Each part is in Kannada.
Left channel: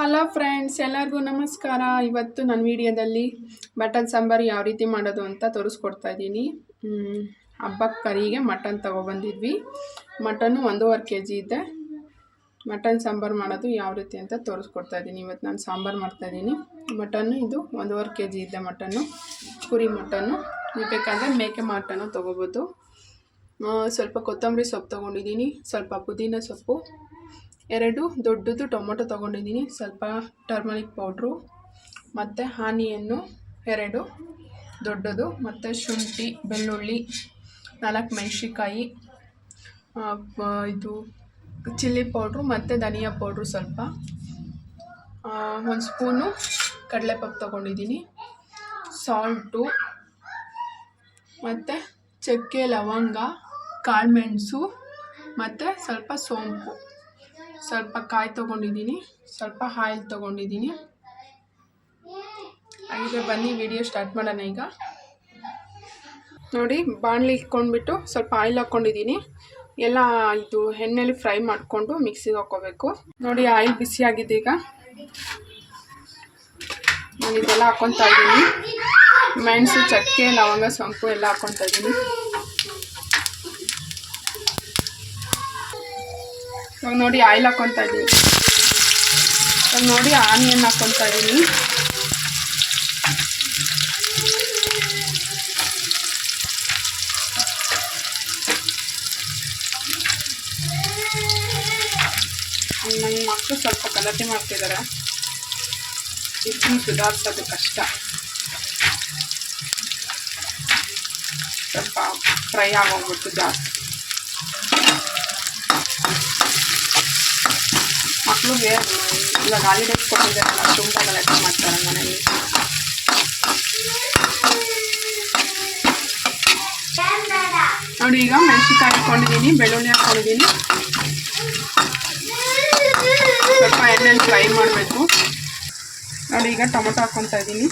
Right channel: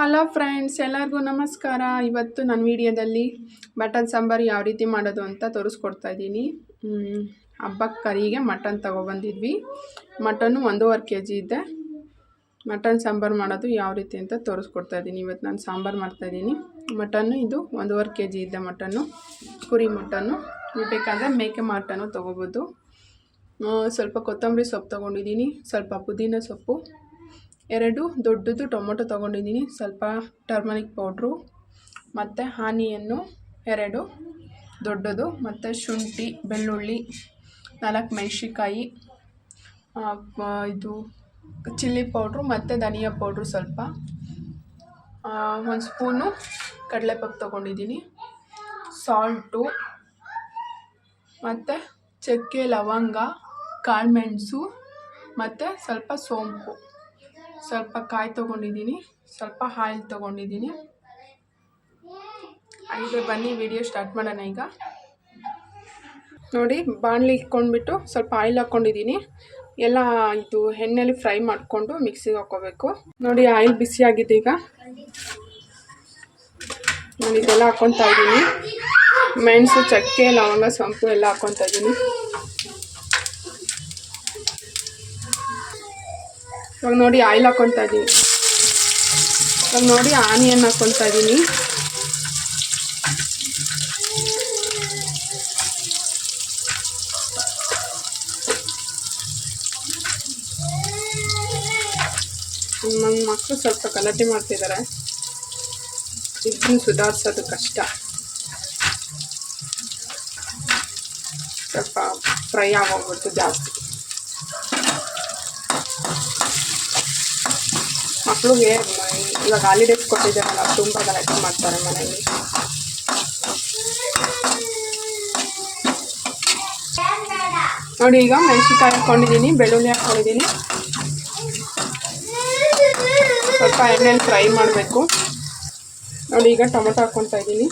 ಹಲೋ ಫ್ರೆಂಡ್ಸ್ ಎಲ್ಲರಿಗೂ ನಮಸ್ಕಾರ. ಇವತ್ತು ನನ್ನ ವಿಡಿಯೋದಲ್ಲಿ ಮಟನ್ ಸಾಂಬಾರು ಯಾವ ರೀತಿ ಮಾಡೋದು ಅಂತ ತೋರಿಸ್ಕೊಡ್ತಾ ಇದ್ದೀನಿ. ಹಬ್ಬಕ್ಕೆ ಕರಿಗೆ ಮಟನ್ ತೊಗೊಬಂದಿದ್ವಿ. ಮಟನ್ನು ಒಂದೂವರೆ ಕೆ ಜಿ ಇದೆ. ಮಟನ್ ಸಾಂಬಾರು ಮಾಡೋದು ಯಾವ ರೀತಿ ಅಂತ ತೋರಿಸ್ಕೊಡ್ತಾ ಇದ್ದೀನಿ. ಇವತ್ತು ನಾನು ಸಾಂಬಾರು ಮಾಡ್ತಾಯಿದ್ದೀನಿ ಮಟನ್ನು ಇದು ಒಂದೂವರೆ ಕೆ ಜಿ ಇದೆ ಮಟನ್ನು. ಕುರಿ ಮಟನ್ನು. ನೀವು ಬೇಕಾದರೆ ಮೇಕೆ ಮಟನ್ನು ತೊಗೋಬೋದು. ಸ್ವಲ್ಪ ಕೊತ್ತಂಬರಿ ಸೊಪ್ಪು ತೊಗೊಂಡಿದ್ದೀನಿ. ಸ್ವಲ್ಪ ಪುದೀನ ಸೊಪ್ಪು. ಎರಡು ದೊಡ್ಡದು ಟೊಮೊಟೊ ತೊಗೊಂಡಿದ್ದೀನಿ. ಸ್ವಲ್ಪ ಟರ್ಮರಿಕ್ ಪೌಡ್ರು, ಮತ್ತು ಆನಿಯನ್ನು ಎರಡು ದೊಡ್ಡದು, ಮತ್ತು ಶುಂಠಿ, ಬೆಳ್ಳುಳ್ಳಿ, ನಾಲ್ಕು ಮೆಣಸಿಕಾಯಿ ಇದು ಚಿಲ್ಲಿ ಪೌಡ್ರು, ಮತ್ತು ಧನಿಯಾ ಪೌಡ್ರು ಸ್ವಲ್ಪ. ಒಂದು ಸ್ಪೂನು ಕಡಲೆಪಪ್ಪು ತೊಗೊಂಡಿದ್ದೀನಿ. ಸಾಲ್ಟು, ಮತ್ತು ಚಕ್ಕೆ, ಲವಂಗ ಕಾಳುಮೆಣಸು ಮತ್ತು ಸ್ವಲ್ಪ ಸೋಂಪು. ಸ್ವಲ್ಪ ಕಾಯಿ ತೊಗೊಂಡಿದ್ದೀನಿ, ಸ್ವಲ್ಪ ಆಯಿಲ್ ತೊಗೊಂಡಿದ್ದೀನಿ. ಹಾಗಿದ್ರೆ ಬನ್ನಿ, ವಿಡಿಯೋ ಸ್ಟಾರ್ಟ್ ಮಾಡೋಣ ಈಗ. ನೋಡಿ, ಬಾಣಲಿ ಇಟ್ಕೊಂಡ್ಬಿಟ್ಟು ಸ್ವಲ್ಪ ಆಯಿಲ್ ಹಾಕ್ಕೊಂಡಿದ್ದೀನಿ ಎಲ್ಲ ಇದು ಎಣ್ಣೆಲಿ ಫ್ರೈ ಮಾಡಿಕೊಂಡು ಮಿಕ್ಸಿಗೆ ಹಾಕ್ಕೋಬೇಕು. ನೋಡಿ, ಆಯಿಲ್ ಬಿಸಿ ಆಗಿದೆ ಈಗ. ನಾನು ಇದೆಲ್ಲ ಹಾಕ್ಕೊತಾ ಇದ್ದೀನಿ. ಮೆಣಸು, ಚಕ್ಕೆ, ಲವಂಗ, ಸೊಂಪು ಎಲ್ಲ ಹಾಕ್ಕೊತಾ ಇದ್ದೀನಿ. ಇವಾಗ ನೋಡಿ ಆಯಿಲ್ ಹಾಕ್ಕೊತಾ ಇದ್ದೀನಿ ಇವಾಗ ನೋಡಿ ಆನಿಯನ್ ಹಾಕ್ಕೊತಾ ಇದ್ದೀನಿ ನನ್ನ ಮಕ್ಕಳು ಸ್ವಲ್ಪ ಗಲಾಟೆ ಮಾಡ್ತಿದ್ದಾರೆ ಇದನ್ನು ಸುಧಾರಿಸೋದು ಕಷ್ಟ. ಸ್ವಲ್ಪ ಫ್ರೈ ಆಗೋಗ್ಬಿಟ್ಟು ಜಾಸ್ತಿ. ಮಕ್ಳಿಗೆ ಇವಾಗ ಹಾಲಿಡೇಸ್ ಕೊಟ್ಟಿದ್ದಾರಲ್ಲ ತುಂಬ ಗಲಾಟೆ ಮಾಡ್ತಾರೆ ಮನೆಯಲ್ಲಿ. ನೋಡಿ ಈಗ ಮೆಣಸಿನ್ಕಾಯಿ ಹಾಕ್ಕೊಂಡಿದ್ದೀನಿ ಬೆಳ್ಳುಳ್ಳಿ ಹಾಕ್ಕೊಂಡಿದ್ದೀನಿ ಸ್ವಲ್ಪ ಎಣ್ಣೆಲಿ ಫ್ರೈ ಮಾಡಬೇಕು. ನೋಡಿ ಈಗ ಟೊಮೊಟೊ ಹಾಕ್ಕೊತಾ ಇದ್ದೀನಿ.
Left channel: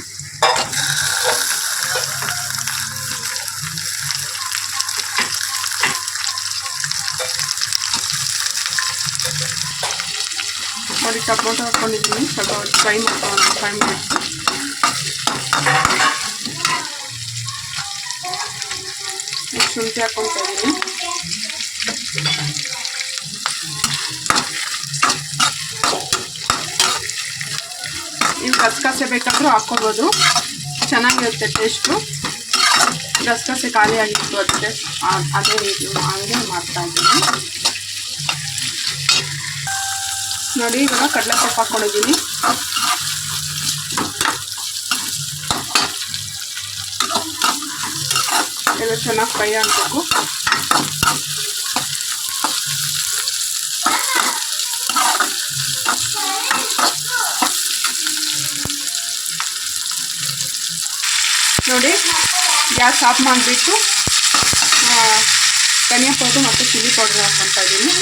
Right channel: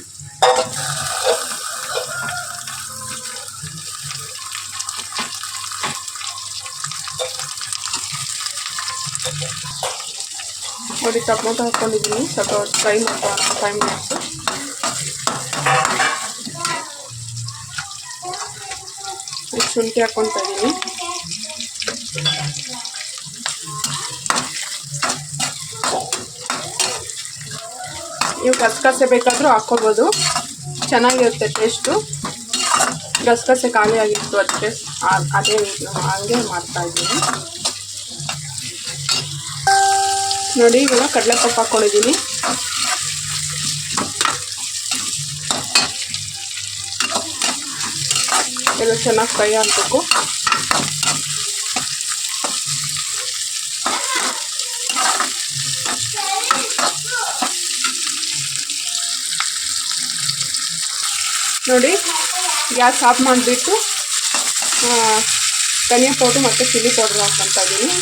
ನೋಡಿ, ಟೊಮೊಟೊ ಹಾಕ್ಕೊಂಡಿದ್ದೀನಿ ಸ್ವಲ್ಪ ಫ್ರೈ ಮಾಡ್ಕೊಳ್ಳೋಣ ಫೈವ್ ಮಿನಿಟ್ಸು ಶುಂಠಿ ಹಾಕ್ಕೊತಾ ಇದ್ದೀನಿ. ನೀವು ಗಸಗಸೆ ಬೇಕಾದರೂ ಹಾಕ್ಕೋಬೋದು. ಚೆನ್ನಾಗಿರುತ್ತೆ ಟೇಸ್ಟು. ಗಸಗಸೆ ಖಾಲಿ ಆಗಿತ್ತು ಅದಕ್ಕೆ ಅದೇ ರೀತಿ ಹಾಗೆ ಮಾಡ್ತಾ ಇದ್ದೀನಿ ನೋಡಿ ಇವಾಗ ಕಡಲೆಪಪ್ಪು ಹಾಕೊಂಡಿದ್ದೀನಿ. ಎಲ್ಲ ಚೆನ್ನಾಗಿ ಫ್ರೈ ಆಗಬೇಕು. ನೋಡಿ, ಗ್ಯಾಸ್ ಆಫ್ ಮಾಡಿಬಿಟ್ಟು ಧನಿಯಾ ಪೌಡ್ರು ಮತ್ತು ಚಿಲ್ಲಿ ಪೌಡ್ರ್ ಹಾಕ್ಕೊತಾ ಇದ್ದೀನಿ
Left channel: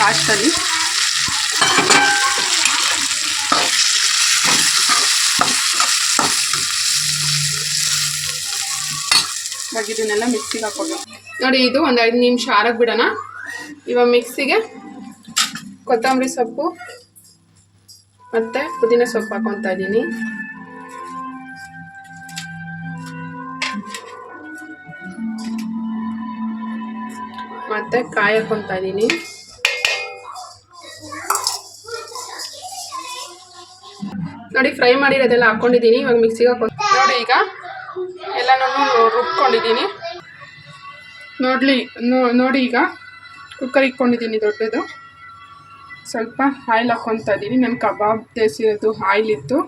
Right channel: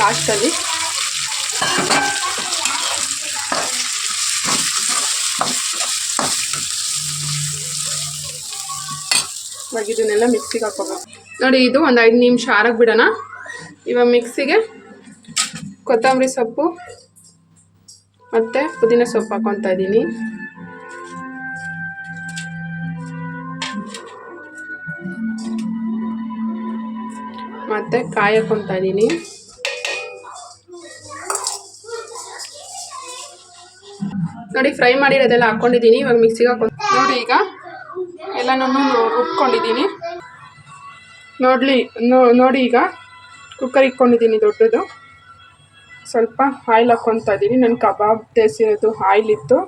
ಲಾಸ್ಟಲ್ಲಿ. ಇದನ್ನೆಲ್ಲ ಮಿಕ್ಸಿಗೆ ಹಾಕೋಬೇಕು. ನೋಡಿ, ಇದು ಒಂದು ಐದು ನಿಮಿಷ ಆರಕ್ಕೆ ಬಿಡೋಣ. ಇವಾಗ ಮಿಕ್ಸಿಗೆ ಕೊತ್ತಂಬರಿ ಸೊಪ್ಪು ಮತ್ತು ಪುದೀನ ಸೊಪ್ಪು ಹಾಕೊತಾ ಇದ್ದೀನಿ. ಮತ್ತು ಕಾಯಿ ಹಾಕೊತಾ ಇದ್ದೀನಿ. ನೋಡಿ ಫ್ರೈ ಮಾಡಿರೋದೆಲ್ಲ ಹಾಕ್ಕೊಂಡಿದ್ದೀನಿ. ಇವಾಗ ಮಿಕ್ಸಿಗೆ ಹಾಕೊಂಡು ನೋಡಿ ಈಗ ಎಲ್ಲನೂ ರುಬ್ಕೊಂಡಿದ್ದೀನಿ. ನೋಡಲಿ ನೋಡಿ ಈಗ ಕುಕ್ಕರ್ ಇಟ್ಕೊಂಡಿದ್ದೀನಿ ದೊಡ್ಡದು. ಸ್ವಲ್ಪ ಆಯಿಲ್ ಹಾಕ್ಕೊತಾ ಇದ್ದೀನಿ. ನನ್ನ ಕಬಾಬ್ ತೇಸಿರೋದು ಆಯಿಲ್ ಇತ್ತು.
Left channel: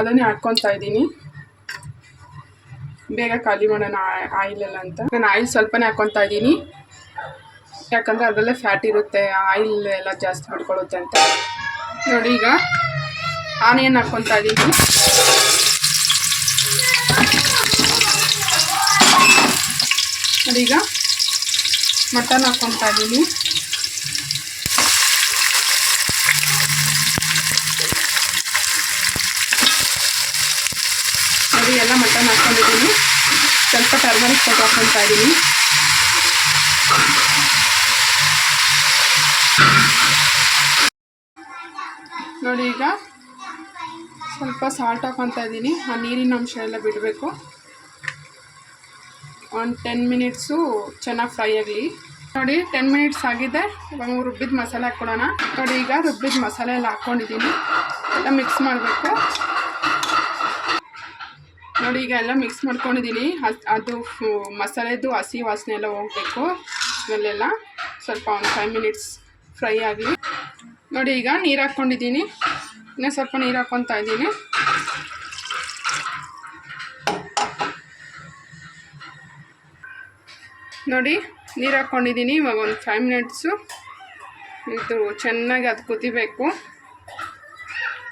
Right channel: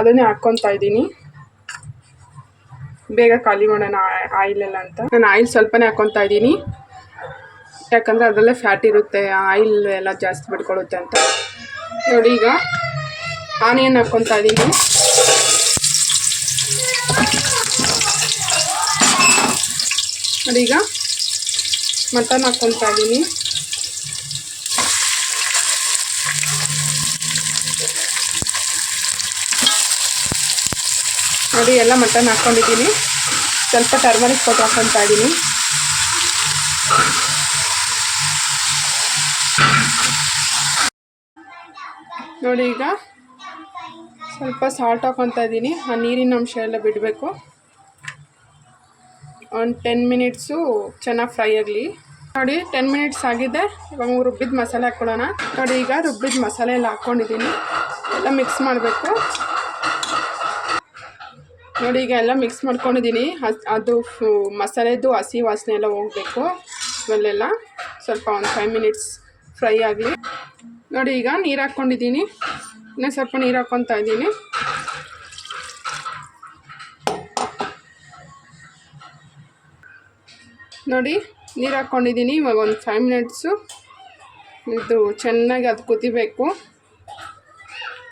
ಅದನ್ನೇ ಹಾಕ್ಕೊತಾ ಇದ್ದೀನಿ. ಬೇಗ ಖಾಲಿ ಮಾಡೋಣ ಆಯಿಲ್ ಎಲ್ಲ ಅಂತ. ನಾನು ಆಯಿಲ್ ಸ್ವಲ್ಪನೇ ಹಾಕ್ಕೊತಾ ಇದ್ದೀನಿ. ಯಾಕಂದರೆ ಅದರಲ್ಲೇ ಫ್ಯಾಟ್ ಇರುತ್ತೆ ಆಯಿಲ್ ಎಲ್ಲ ಜಾಸ್ತಿ ಬಿಟ್ಕೊಳ್ಳುತ್ತೆ ಅಂತ. ನೋಡಿ ಈಗ ಆನಿಯನ್ ಹಾಕ್ಕೊತಾ ಇದ್ದೀನಿ ಅದೀಗ ಮಟನ್ ಹಾಕ್ಕೊತಾ ಇದ್ದೀನಿ ನೋಡಿ, ಎಲ್ಲ ಮಟನ್ ಹಾಕ್ಕೊಂಡಿದ್ದೀನಿ ಸ್ವಲ್ಪ ಟರ್ಮರಿಕ್ ಪೌಡ್ರ್ ಹಾಕ್ಕೊತಾ ಇದ್ದೀನಿ ನೋಡಿ ಈಗ ಸ್ವಲ್ಪ ಸಾಲ್ಟ್ ಹಾಕೊತಾ ಇದ್ದೀನಿ. ಆ ನೀರಿನ ಅಂಶ ಎಲ್ಲ ಬಿಡಬೇಕು. ಒಂದು ಟೆನ್ ಮಿನಿಟ್ಸು ಚೆನ್ನಾಗಿ ಫ್ರೈ ಆಗಲಿ. ನೋಡಿ ಟೆನ್ ಮಿನಿಟ್ಸ್ ಆಗಿದೆ. ಇವಾಗ ರುಬ್ಬಿದ ಮಸಾಲೆ ಹಾಕ್ಕೊಡೋಣ ನೋಡಿ, ಈಗ ರುಬ್ಬಿದ ಮಸಾಲೆ ಎಲ್ಲ ಹಾಕ್ಕೊಂಡಿದ್ದೀನಿ ಎಲ್ಲ ಮಿಕ್ಸ್ ಮಾಡಬೇಕು. ನೋಡಿ, ಈಗ ಎಲ್ಲ ಮಿಕ್ಸ್ ಮಾಡ್ಕೊಂಡಿದ್ದೀನಿ. ಅದು ಮಸಾಲೆದು ಹಸಿ ವಾಸನೆ ಎಲ್ಲ ಹೋಗಬೇಕು. ಸ್ಮೆಲ್ಲೆಲ್ಲ. ಸ್ವಲ್ಪ ಒಂದು ಫೈವ್ ಮಿನಿಟ್ಸ್ ಫ್ರೈ ಆಗಲಿ. ನೋಡಿ, ಈಗ ನೀರು ಹಾಕ್ಕೊಂಡಿದ್ದೀನಿ ಇನ್ನೂ ಸ್ವಲ್ಪ ನೀರು ಹಾಕ್ಕೊತಾ ಇದ್ದೀನಿ. ನೋಡಿ, ನೀರು ಹಾಕ್ಕೊಂಡಿದ್ದೀನಿ ಇವಾಗ ಒಂದು ಫೈವ್ ಮಿನಿಟ್ಸು ಇದು ಚೆನ್ನಾಗಿ ಅದು ಕುದಿಬೇಕು.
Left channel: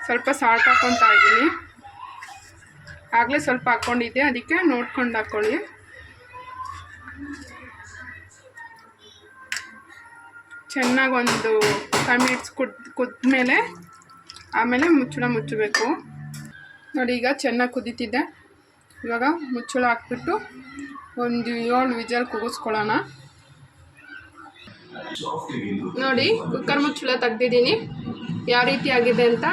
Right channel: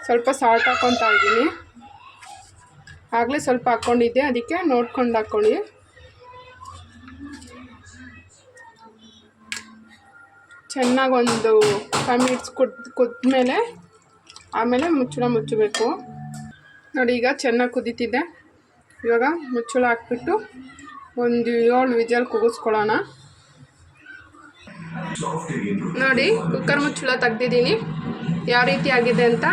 ಸ್ವಲ್ಪ ಸಾಲ್ಟ್ ಹಾಕ್ಕೊತಾ ಇದ್ದೀನಿ. ಆಗಲೇ ಸ್ವಲ್ಪ ಹಾಕ್ಕೊಂಡಿದ್ದೆ ಅದಕ್ಕೆ ನೋಡ್ಕೊಂಡು ಹಾಕ್ಕೊಳ್ಳಿ ಚೆನ್ನಾಗಿ ಒಂದು ಫೈವ್ ಮಿನಿಟ್ಸ್ ಕುದ್ ಕುದ್ಮೇಲೆ ಆಮೇಲೆ ಮುಚ್ಚಳ ಮುಚ್ಚಬೇಕು. ನೋಡಿ ಈಗ ಚೆನ್ನಾಗಿ ಕುದೀತಿದೆ. ಇವಾಗ ಮುಚ್ಚಳ ಹಾಕ್ಬಿಟ್ಟು ಒಂದು ಏಳು ವಿಜಲ್ ಕುಗಿಸ್ಕೊಳ್ಳೋಣ. ನೋಡಿ ಕುಕ್ಕರ್ ಮುಚ್ಚಳ ತೆಗ್ದಿದ್ದೀನಿ. ಯಾವ ರೀತಿ ಆಗಿದೆ ಅಂತ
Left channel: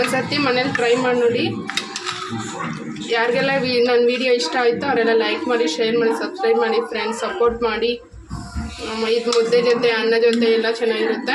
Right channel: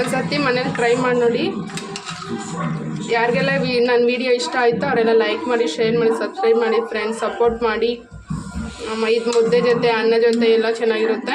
ಒಂದು ಮನೇಲಿ ಟ್ರೈ ಮಾಡಿ ನೋಡಿ. ಯಾರಿಗೆಲ್ಲ ವಿ ನನ್ನ ವಿಡಿಯೋ ಇಷ್ಟ ಆಯಿತು ಅವರೆಲ್ಲ ಲೈಕ್ ಮಾಡಿ ಶೇರ್ ಮಾಡಿ ಸಬ್ಸ್ಕ್ರೈಬ್ ಮಾಡಿ ಫ್ರೆಂಡ್ಸ್ ಸಪೋರ್ಟ್ ಮಾಡಿ. ಇದು ಮುದ್ದೆ ಜೊತೆ, ಅನ್ನ ಜೊತೆ ಎಲ್ಲ ಚೆನ್ನಾಗಿರುತ್ತೆ.